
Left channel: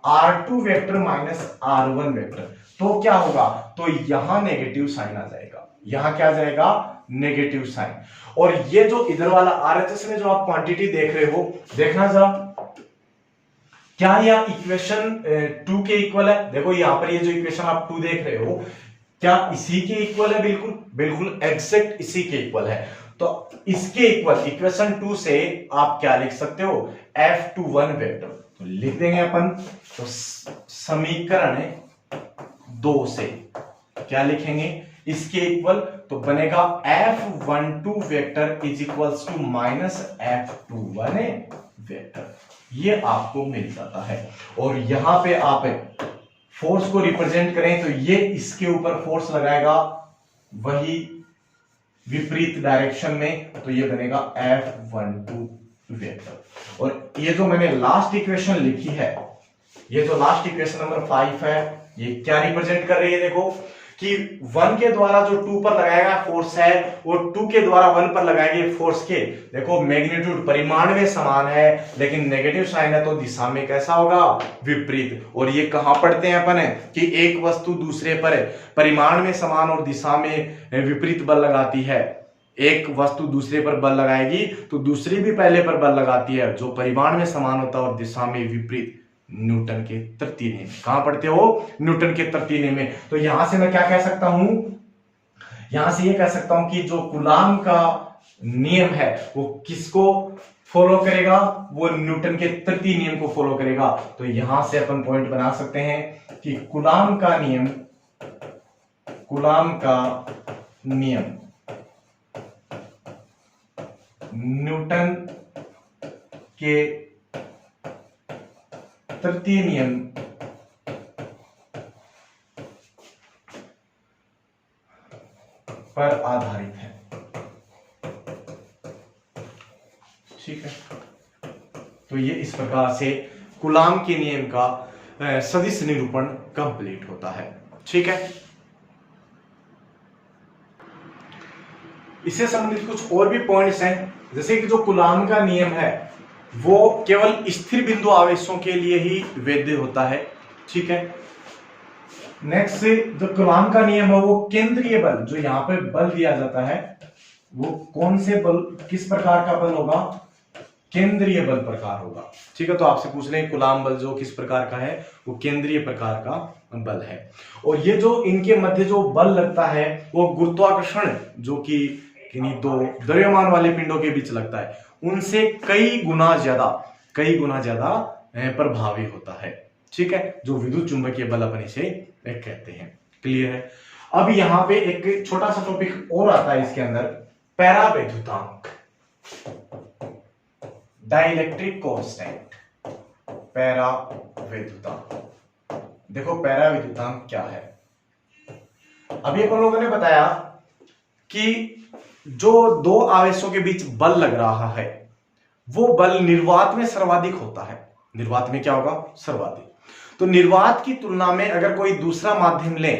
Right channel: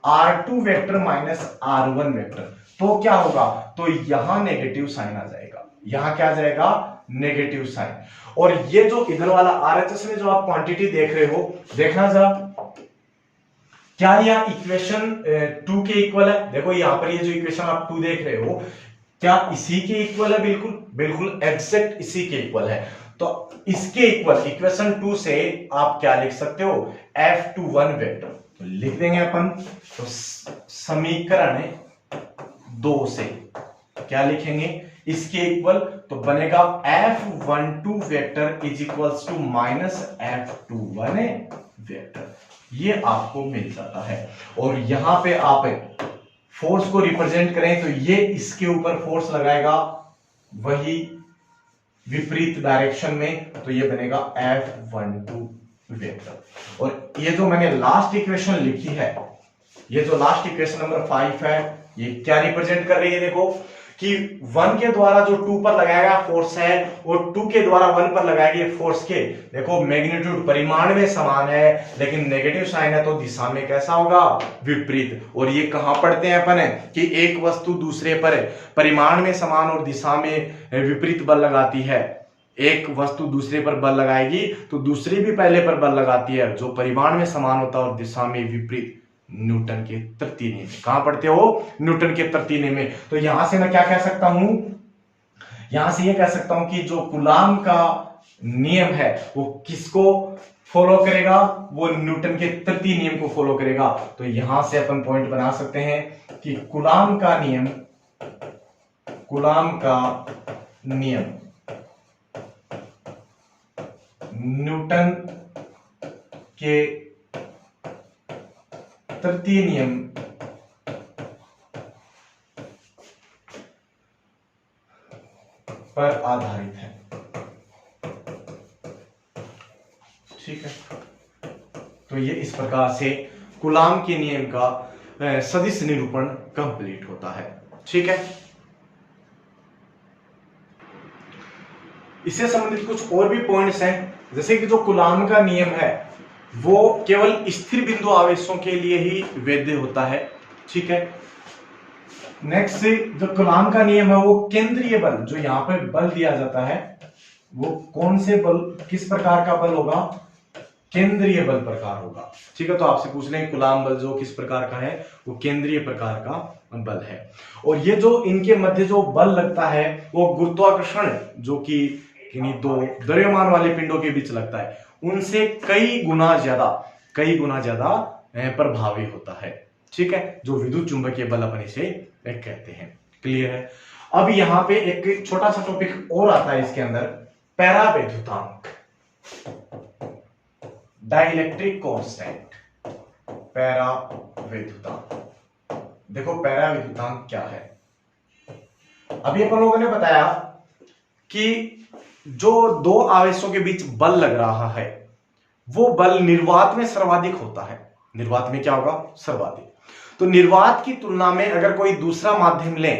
R2 vector minus R1 vector तो क्या होगा, तो यहां नेगेटिव साइन आ जाएगा, यहां क्या आ जाएगा, नेगेटिव साइन। और ये जो इधर वाला RHS में जो आप क्वांटिटी देख रहे हो, देखना जरा क्या यह इक्वेशन 2 के इक्वल है। देखो यहां पर ये जो इक्वेशन आप 2 देख रहे हो क्या इसी के इक्वल है, बिल्कुल बिल्कुल एग्जैक्ट इसी के इक्वल है। तो इसके इक्वल इक्वेशन 2 से आप क्या लिख सकते हो, F21 वेक्टर। तो लिख देंगे अपन तो समीकरण 2 से क्या लिखेंगे, इसके इक्वल तो बनेगा F12 vector is equals to minus F21 vector, ये आपको मिल जाता है। और यहां पे आप फोर्स को रिप्रेजेंट करें तो ये इसके ऊपर फोर्स लगाएगा वही विपरीत डायरेक्शन में, तो ये बनेगा F12 वेक्टर। और ये जो मैंने लास्ट इक्वेशन लिखी है, ये जो लास्ट इक्वेशन नंबर 5 है, ये क्या रिप्रेजेंट कर रही है, देखो कि 1 के द्वारा जो 2 पर लगाया गया फोर्स है वो 2 के द्वारा 1 पर लगाए गए फोर्स के देखो मैग्नीट्यूड परिमाण में समान है, लेकिन नेगेटिव साइन है तो दिशा में कैसा होगा, विपरीत। और ये कहां पढ़ते हैं अपन कि एक वस्तु दूसरे पर परिमाण में समान और दिशा में विपरीत बल लगाती है। एक वस्तु दूसरे पर बल लगाएगी तो दूसरी भी पहले पर बल लगाती है, जो परिमाण में समान होता है और दिशा में विपरीत, न्यूटन के तृतीय नियम में। कहां पढ़ते हो, न्यूटन के तृतीय नियम में। तो यहां से मैं क्या कह सकता हूं, यहां से ये कह सकता हूं कि जो कूलाम का नियम है वो किसको फॉलो करेगा, वो न्यूटन के तृतीय नियम को फॉलो करेगा। तो यहां से अपन पॉइंट बना सकते हैं कि कूलाम का नियम न्यूटन के तृतीय नियम पर आधारित है। ठीक है, तो ये इस प्रकार से कूलाम के नियम का सदिश निरूपण कंप्लीट होता है। ठीक है, इससे संबंधित कुछ और भी पॉइंट्स हैं, जैसे कि जो कूलाम का नियम है वो केवल स्थिर बिंदु आवेशों के लिए ही वैध होता है। ठीक है, नेक्स्ट से जो कूलाम का नियम है वो केंद्रीय बल, जो यहां पे बल दिया जाता है वो कौन से बल, किस प्रकार का बल होगा, केंद्रीय बल प्रकार होगा। ठीक है, तो आपसे पूछ लें कूलाम बल जो किस प्रकार का है, वो केंद्रीय प्रकार का बल है। और ये जो इनके मध्य जो बल लगता है वो गुरुत्वाकर्षण जो कि किन्हीं दो द्रव्यमान वाले पिंडों के बीच लगता है उनसे कई गुना ज्यादा प्रभावी होता है। ठीक है, जो विद्युत चुंबकीय बल अपन इसे कहते हैं। क्लियर है। अब यहां पे एक छोटा सा टॉपिक और आता है इसके अंदर, पैरावैद्युतांक, डाइलेक्ट्रिक कांस्टेंट, पैरावैद्युतांक। देखो पैरावैद्युतांक क्या है। अभी अपन लोगों ने बताया कि जो दो आवेशों के बीच बल लग रहा है वो बल निर्वात में सर्वाधिक होता है। निर्वात में क्या होगा, सर्वाधिक। तो निर्वात की तुलना में अगर कोई दूसरा माध्यम ले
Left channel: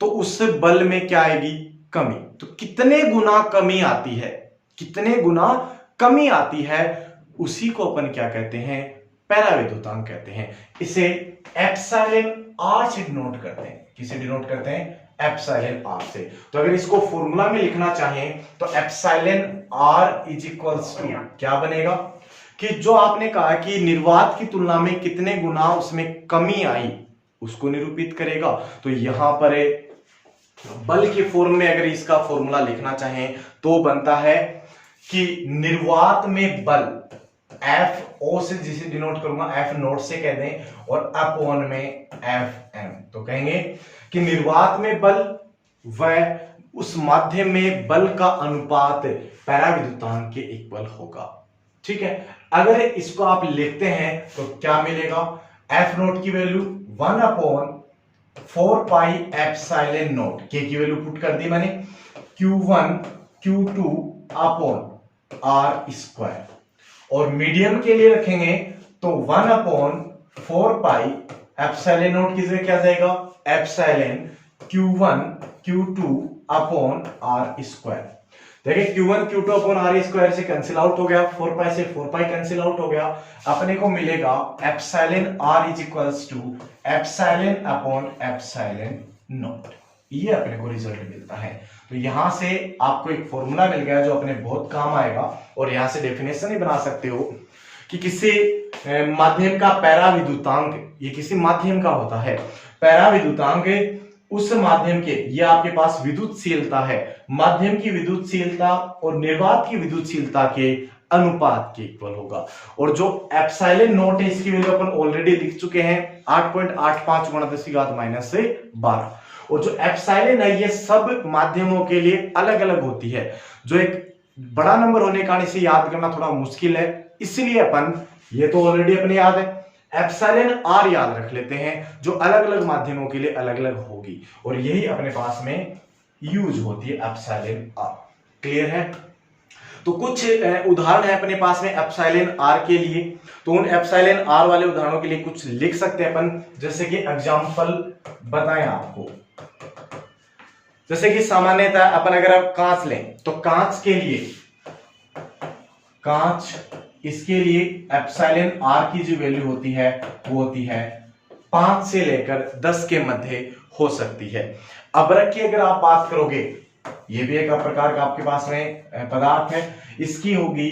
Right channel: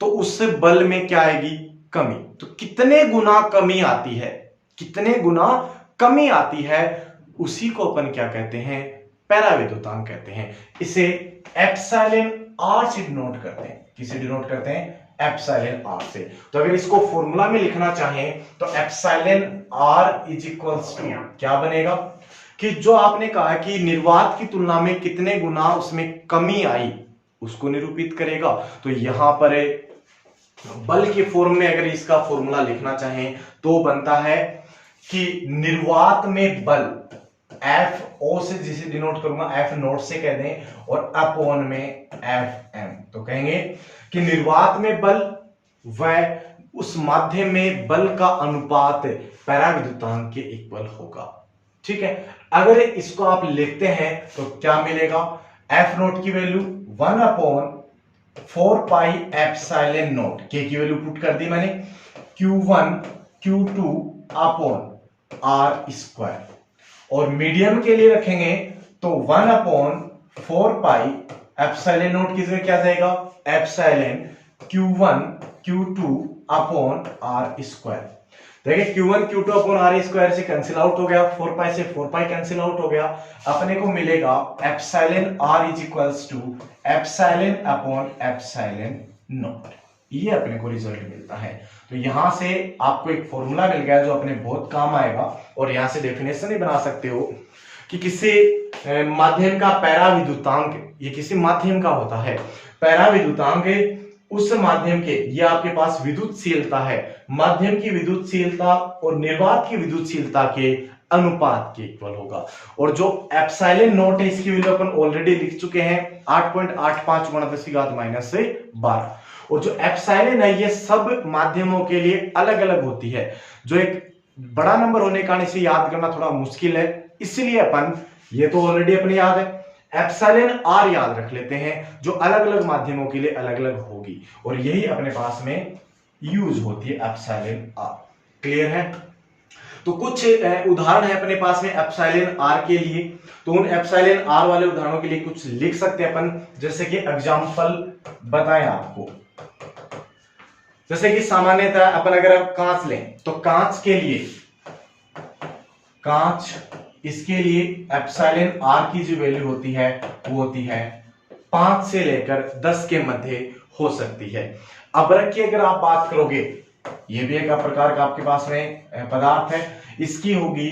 तो उससे बल में क्या आएगी, कमी। तो कितने गुना कमी आती है, कितने गुना कमी आती है, उसी को अपन क्या कहते हैं, पैरावैद्युतांक कहते हैं। इसे एप्सिलॉन आर से डिनोट करते हैं। किसे डिनोट करते हैं, एप्सिलॉन आर से। तो अगर इसको फॉर्मूला में लिखना चाहें तो epsilon r is equals to क्या बनेगा, कि जो आपने कहा कि निर्वात की तुलना में कितने गुना उसमें कमी आई उसको निरूपित करेगा। तो यहां पर बल के फॉर्म में अगर इसका फॉर्मूला लिखना चाहें तो बनता है कि निर्वात में बल एफ ओ से जिसे डिनोट करूंगा एफ नोट से कह दें और अपॉन में एफ एम। तो कहेंगे कि निर्वात में बल व उस माध्यम में बल का अनुपात पैरावैद्युतांक के इक्वल होगा। ठीक है, अगर इसको आप लिखते हैं तो क्या मिलेगा, एफ नोट की वैल्यू 1/4 पाई एप्सिलॉन नोट, के की वैल्यू पुट कर दी मैंने, Q1 Q2 upon r square. और मीडियम के लिए रखेंगे तो 1/4 पाई एप्सिलॉन नोट की जगह क्या जाएगा, epsilon Q1 Q2 upon r square. देखिए Q1 Q2 upon r square से कैंसिल आउट हो गया, 4 पाई से 4 पाई कैंसिल आउट हो गया, अपने को मिलेगा epsilon r is equals to epsilon upon epsilon naught. ये अपने को रिजल्ट मिलता है। तो यहां से आपको एक फॉर्मूला मिल गया जो अपने बहुत काम आएगा। और यहां से डेफिनेशन ही बना सकते हो कि किसी माध्यम का पैरावैद्युतांक, ये किसी माध्यम का होता है। पैरावैद्युतांक उस माध्यम के, ये आपके पास विद्युतशीलता है, माध्यम की विद्युतशीलता और निर्वात की विद्युतशीलता के अनुपात के इक्वल होगा। और जो एप्सिलॉन नोट है इसकी वैल्यू अपन ऑलरेडी लिख चुके हैं 8.85 गुणा 10⁻⁻12। और जो एप्सिलॉन है ये सब माध्यमों के लिए अलग अलग होती है, जो एक बड़ा नंबर होने के कारण इसे याद करना थोड़ा मुश्किल है, इसलिए अपन, ये तो ऑलरेडी अपने याद है, एप्सिलॉन आर याद रख लेते हैं जो अलग अलग माध्यमों के लिए अलग अलग होगी। और यही अपने पास में यूज होती है एप्सिलॉन आर। क्लियर है। तो कुछ उदाहरण है अपने पास में एप्सिलॉन आर के लिए। तो उन एप्सिलॉन आर वाले उदाहरणों के लिए कुछ लिख सकते हैं अपन, जैसे कि एग्जांपल बताएं आपको। जैसे कि सामान्यतः अपन अगर आप कांच लें तो कांच के लिए, कांच इसके लिए एप्सिलॉन आर की जो वैल्यू होती है वो होती है 5 से लेकर 10 के मध्य हो सकती है। अबरक की अगर आप बात करोगे, ये भी एक प्रकार का आपके पास में पदार्थ है, इसकी होगी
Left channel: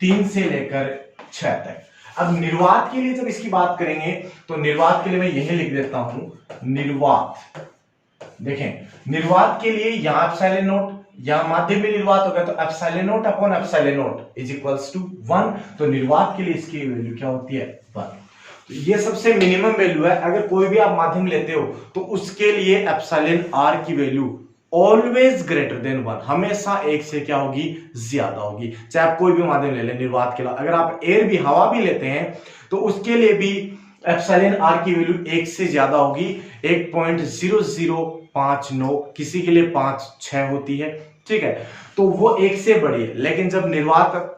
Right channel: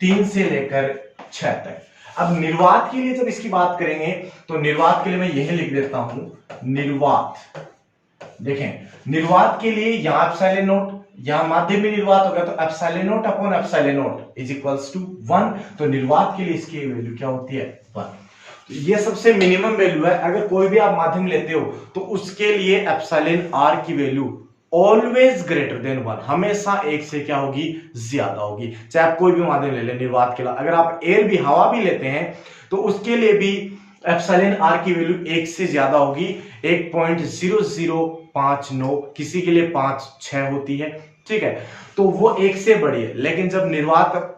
3 से लेकर 6 तक। अब निर्वात के लिए जब इसकी बात करेंगे तो निर्वात के लिए मैं यही लिख देता हूं, निर्वात। देखें निर्वात के लिए यहां एप्सिलॉन नोट, यहां माध्यम में निर्वात होगा तो epsilon naught upon epsilon naught is equals to 1। तो निर्वात के लिए इसकी वैल्यू क्या होती है, 1। तो ये सबसे मिनिमम वैल्यू है। अगर कोई भी आप माध्यम लेते हो तो उसके लिए एप्सिलॉन आर की वैल्यू ऑलवेज ग्रेटर देन 1, हमेशा 1 से क्या होगी, ज्यादा होगी। चाहे आप कोई भी माध्यम ले लें निर्वात के लिए, अगर आप एयर भी, हवा भी लेते हैं तो उसके लिए भी एप्सिलॉन आर की वैल्यू 1 से ज्यादा होगी, 1.0059, किसी के लिए 5-6 होती है, ठीक है, तो वो 1 से बड़ी है। लेकिन जब निर्वात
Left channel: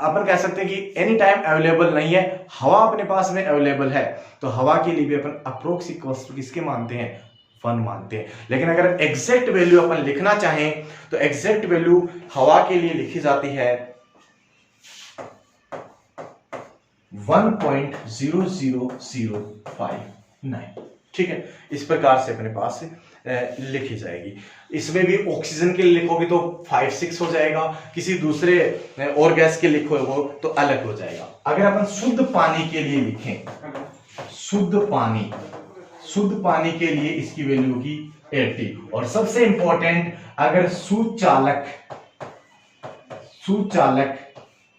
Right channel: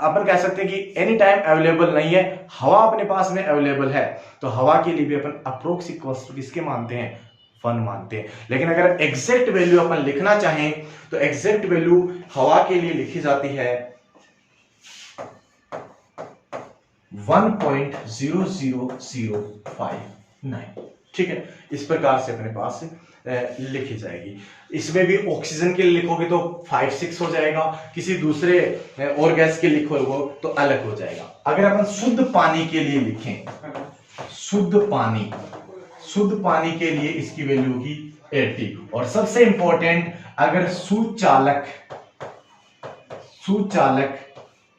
अपन कह सकते हैं कि एनी टाइम अवेलेबल नहीं है, हवा अपने पास में अवेलेबल है, तो हवा के लिए भी अपन अप्रोक्स इक्वल्स टू किसके मानते हैं, 1 मानते हैं। लेकिन अगर एग्जैक्ट वैल्यू अपन लिखना चाहें तो एग्जैक्ट वैल्यू हवा के लिए लिखी जाती है 1.00059, ठीक है, इस प्रकार से अपने पास लिखी जाएगी। इसमें भी ऑक्सीजन के लिए लिखोगे तो 5-6 हो जाएगा, किसी दूसरे और गैस के लिखोगे तो अलग हो जाएगा। अगर अपन शुद्ध पानी के लिए लिखें, शुद्ध पानी के लिए इसकी वैल्यू होगी 80। और सबसे इंपॉर्टेंट, अगर सुचालक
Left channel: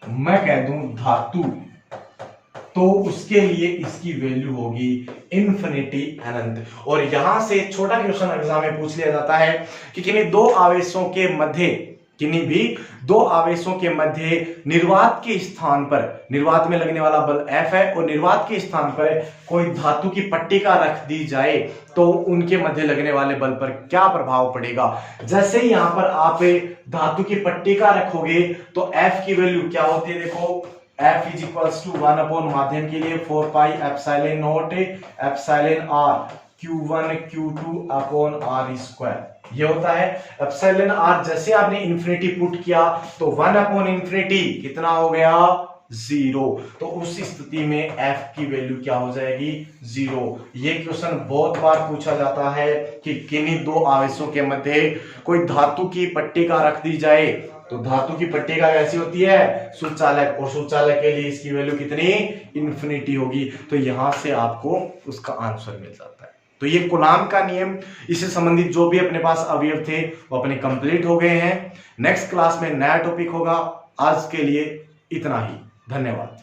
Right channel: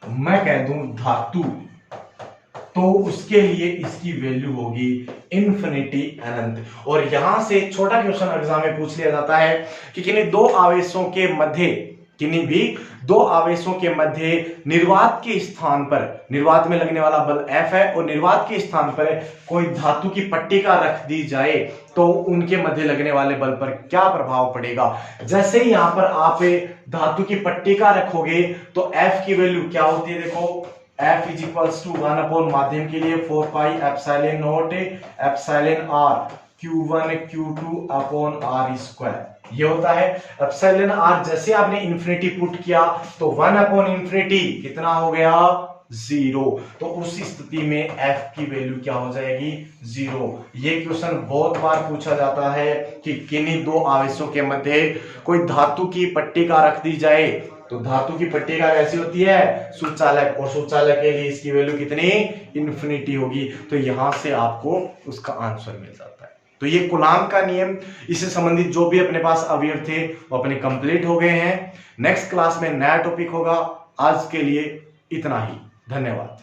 मैं कह दूं धातु, तो उसके लिए इसकी वैल्यू होगी इन्फिनिटी, अनंत। और यहां से छोटा क्वेश्चन एग्जाम में पूछ लिया जाता है कि किन्हीं भी दो आवेशों के मध्य निर्वात के स्थान पर, निर्वात में लगने वाला बल F है, और निर्वात के स्थान पर कोई धातु की पट्टिका रख दी जाए तो उनके मध्य लगने वाले बल पर क्या प्रभाव पड़ेगा। जैसे ही यहां पर आप धातु की पट्टिका रखोगे तो F की वैल्यू क्या होती है, देखो F is equals to 1 upon माध्यम के लिए 4 pi epsilon naught epsilon r Q1 Q2 upon R square, ये होता है एप्सिलॉन आर। जैसे आपने इन्फिनिटी पुट किया तो 1 अपॉन इन्फिनिटी कितना हो गया, 0, तो उस स्थिति में F की वैल्यू क्या हो जाएगी, 0। ये क्वेश्चन बहुत बार पूछा जाता है कि किन्हीं दो आवेशों के मध्य कोई धातु की पट्टिका रख दी जाए, तो धातु की पट्टिका कैसी होती है, सुचालक, और सुचालक के लिए इसकी वैल्यू कितनी, इन्फिनिटी होगी। तो यहां से आपको उसका आंसर मिल जाता है। तो ये कूलाम का नियम, इससे संबंधित जो भी अपने पास अवयव थे वो अपने कंप्लीट हो गए हैं। नेक्स्ट क्लास में नया टॉपिक होगा। आज के लिए इतना ही, धन्यवाद।